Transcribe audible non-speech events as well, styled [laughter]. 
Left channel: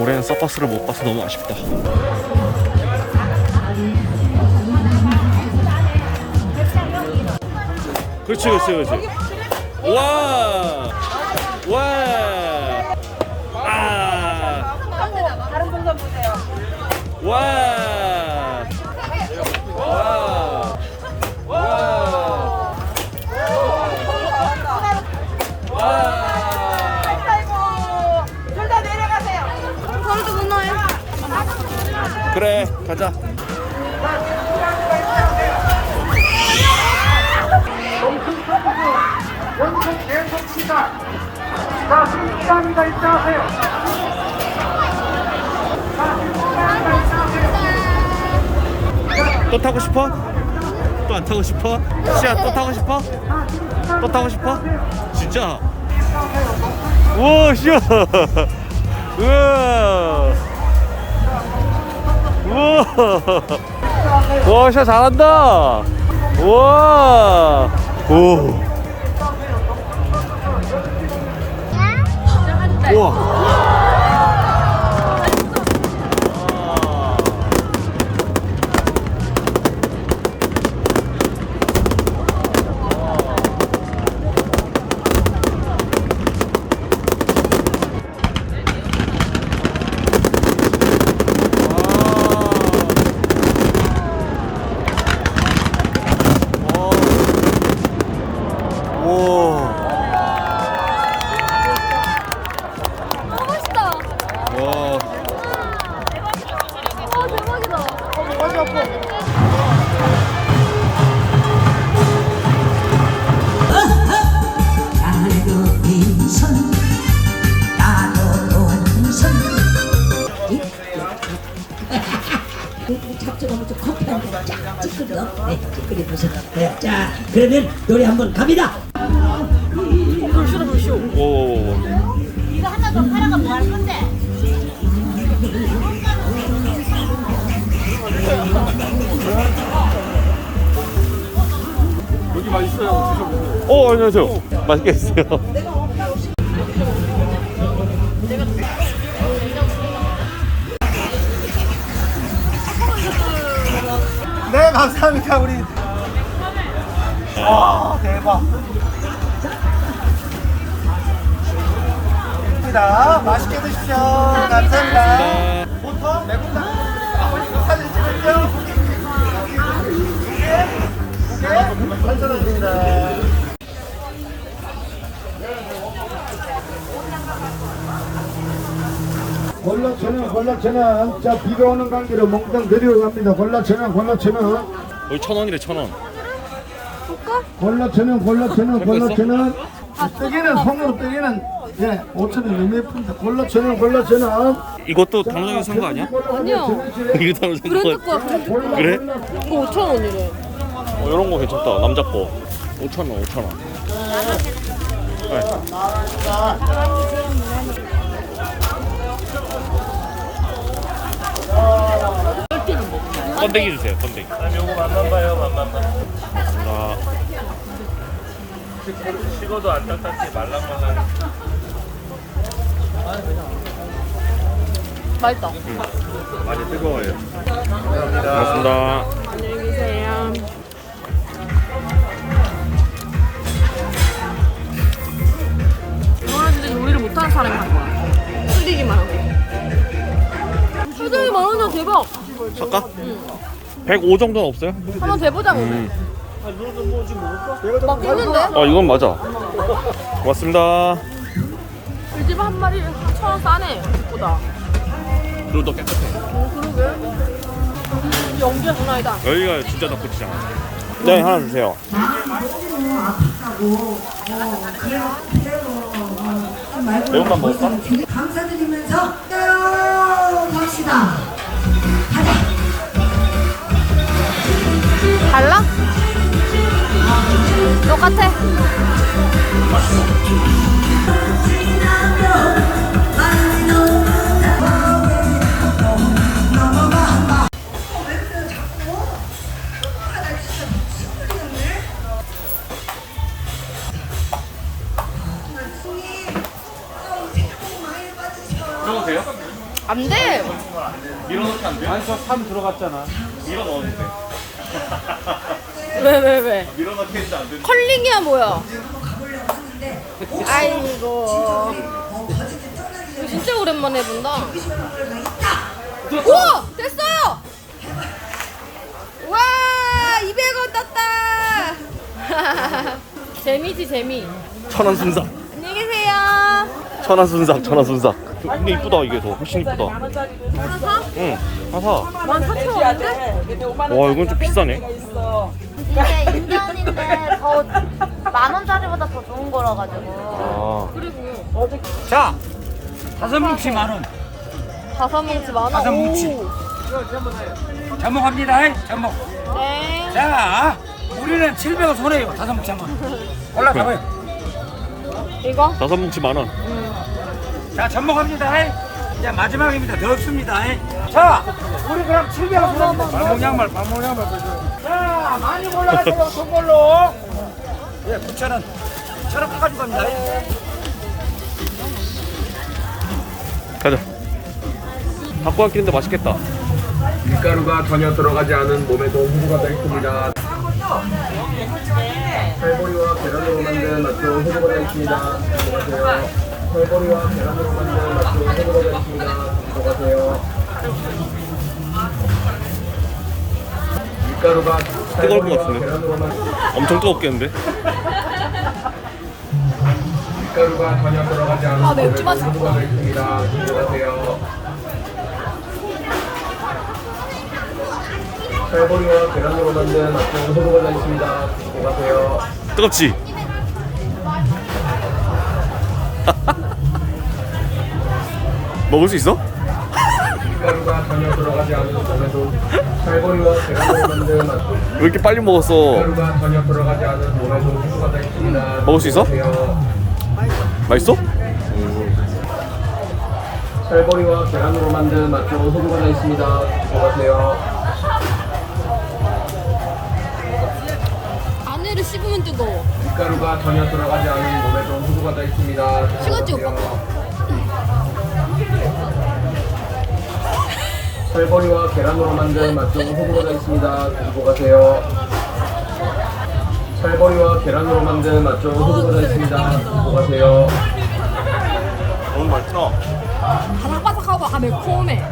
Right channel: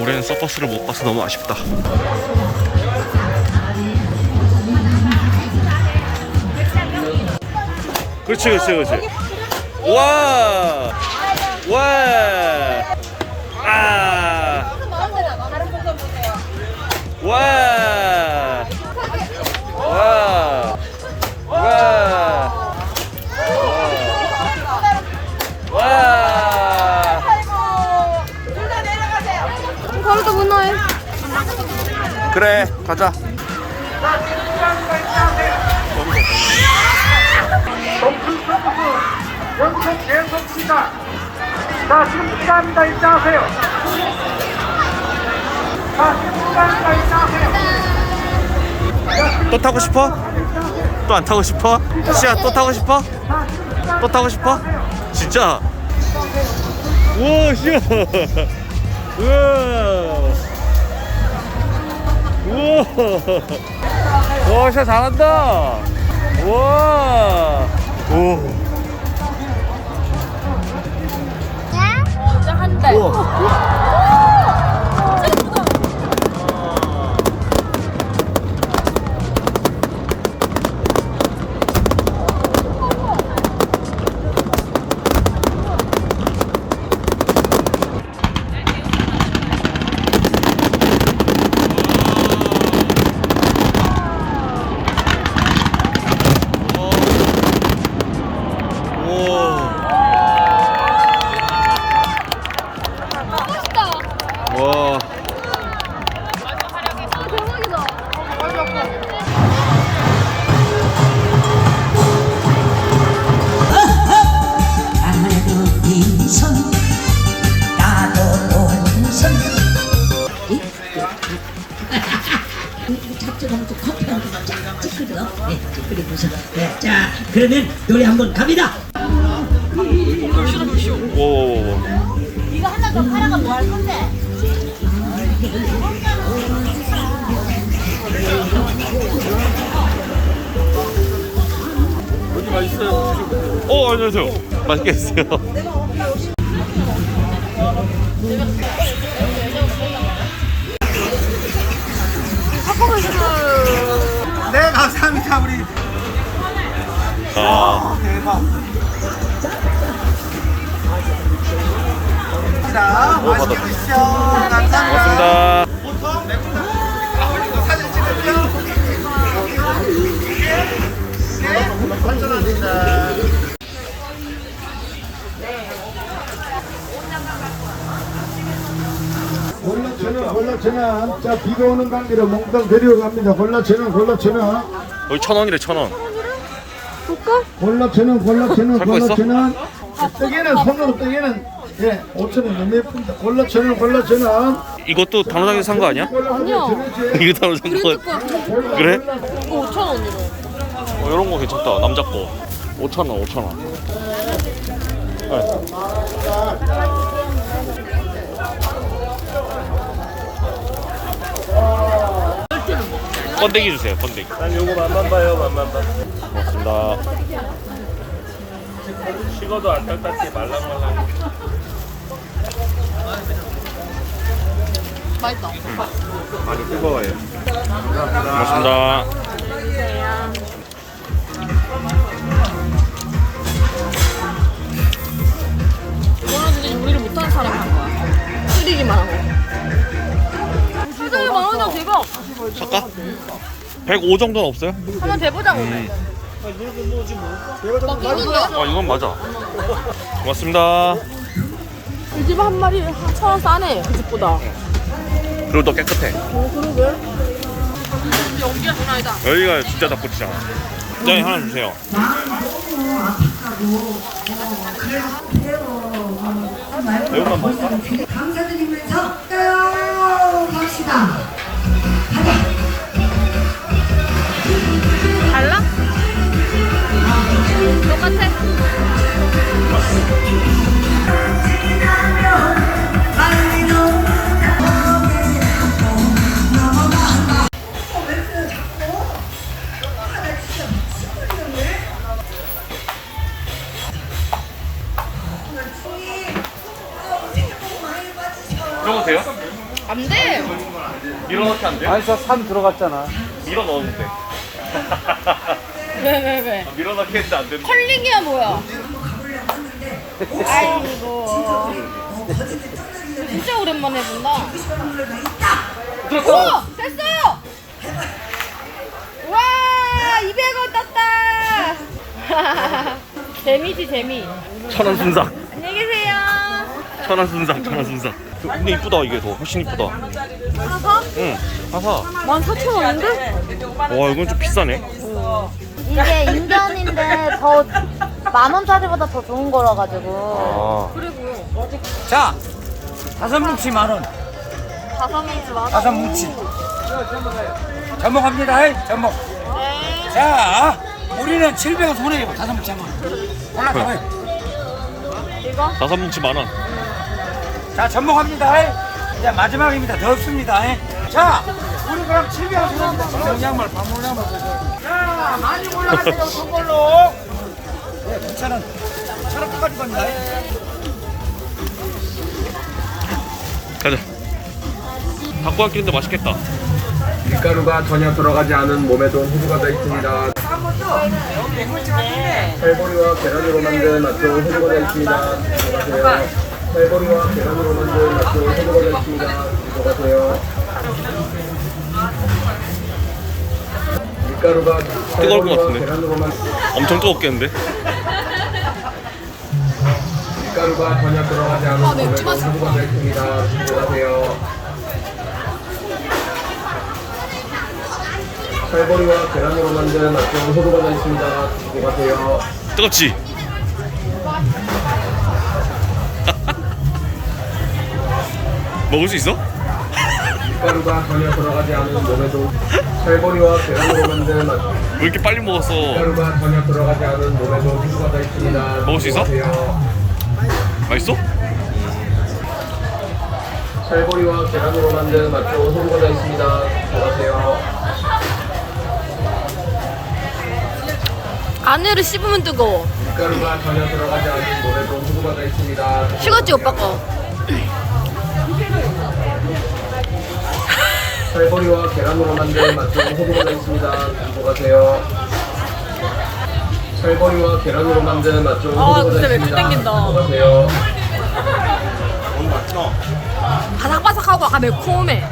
올해는 서커스를 못 봐서 너무 아쉽다. 그렇지, 그렇지, 그렇지. 와, 와, 아, 와, 가자. 원칙 계속 시작. 자, 10분간다 입장하세요. 자, 10분간다 입장하세요. 또 타고 싶어? 또 안 타고 싶어? 시야 또 타고 싶어? 또 타고 싶어? 진짜? 우와 시야 [laughs] 우와 우와. 와 시야 잘한다. 우와. 오 우와 그러면 노래 한번 갑니다 오. 여기 맛있어요. 어, 안녕하세요. 맛있게 드세요. 네, 감사합니다, 우리. 아, 대박. 자, 맛있게 드시죠. 감사합니다. 고맙습니다. 골라천원 골라천원 자 비가 오는 관계로 몽땅 데리고 갑니다 골라천원 골라천원 여기 천 원이래, 천 원. 골라천원 살거 있어? 골라천원 떡에는 손으로 떡에는 예 5천원 너무 예쁩니다 골라천원 골라천원 이것도 단호장에서 산 거 아니야? 아니야. [laughs] 이거 단호장 브랜드 거. 거야, 브랜드 거. 그래? 이거 5,000원이래. 어, 이런 거 괜찮다. 남자 거. 5천 원, 5천 원. 네. 번데기 주세요. 번데기. 이거 맛만 봐요. 맛만 봐. 고맙습니다. 식어도 안 딱딱해 말랑말랑. 맛있다. 많이 뜨거워요. 고맙습니다. 이거는 진짜 요리를 못하는 사람이 한 거야. 끓이기만 하고. 실장이 만원 정 대박. 살까? 105 정도는 없어요? 한번 대보자고. 음. 아 이건 맞아. 고맙습니다. 이집 한 마리에 천원 싸네. 집보다. 그리고 더 깨끗해. 어, 그러게. 연기가 장난 아니다. 여기가 진짜 닭꼬치잖아. 네 하나 주세요. 매운맛 먹을까? 감사드리면서 갑시다 같아. 안 돼. 밀어넣기 안 돼. 안서 3 들어갔잖아. 밀어 넣으면 돼. 왜, 왜, 왜? 밀어넣기 했는데 안 된다. 컬링이야, 뭐야? 아이고. 진짜 오랜만에 본다. 우와! 됐어요! 와! 200원 땄다! [laughs] 재미지, 재미. 천안 순삭. 안녕히 계세요. 천안 순삭, 천안 순삭. 근데 이쁘다 이게 더 훨씬 이쁘다. 사사? 응, 사사. 14,000원인데? 와 이건 좀 비싸네. 이게 인견인데 더 만 원짜리보다 더 좋은 거라 가지고 아, 그리고 자, 다섯 뭉치 만 원. 다섯 명이서 만 원. 다섯 뭉치. 접목합니다. 접목. 자, 우리는 700원 손해요. 다섯 뭉치 한 번. 올라가봐요. 이거? 다섯 뭉치 만 원. 자, 접목합니다. 이제 마지막입니다. 더 없습니다. 자, 우리 그럼 700원 손해입니다. 발목 양말, 발목 양말 많이 올라가세요. 손걸로. 예, 9,000원. 저렇게 가지고 갑니다. 가자. 갖고 왔길인데 맛있겠다. 밀가루가 전혀 들어가지 않은 몸에도 호수가 다 있습니다. 살보리와 계란으로 만든 낙조 호수가 다 있습니다. 들어가세요. 살보리와 계란으로 만든 낙조 호수가 다 있습니다. 들어가세요. 뜨거울 것 같은데. 엄청 뜨겁겠는데? 호수가 다 있습니다. 들어가세요. 살보리와 계란으로 만든 호수가 다 있습니다. 들어가세요. 뜨겁지? 먹을 수 있어? 밀가루가 전혀 들어가지 않은 몸에도 살보리와 계란으로 만든 맛왜 이렇게 빨리 먹었어? 밀가루가 전혀 들어가지 않은 호수가 다 있습니다. 먹을 수 있어? 맛있어? 살보리와 계란으로 만든 호수가 다 있습니다. 들어가세요. 안에를 씹으면 뜨거워. 밀가루가 전혀 들어가지 않은 몸에도 호수가 다 있습니다. 식었지, 오빠 거? 살보리와 계란으로 만든 호수가 다 있습니다. 들어가세요. 살보리와 계란으로 만든 맛조 아, 호수가 다 진짜 있습니다. 땡긴다. 너무 맛있어. 바삭바삭하고 아까 매콤해.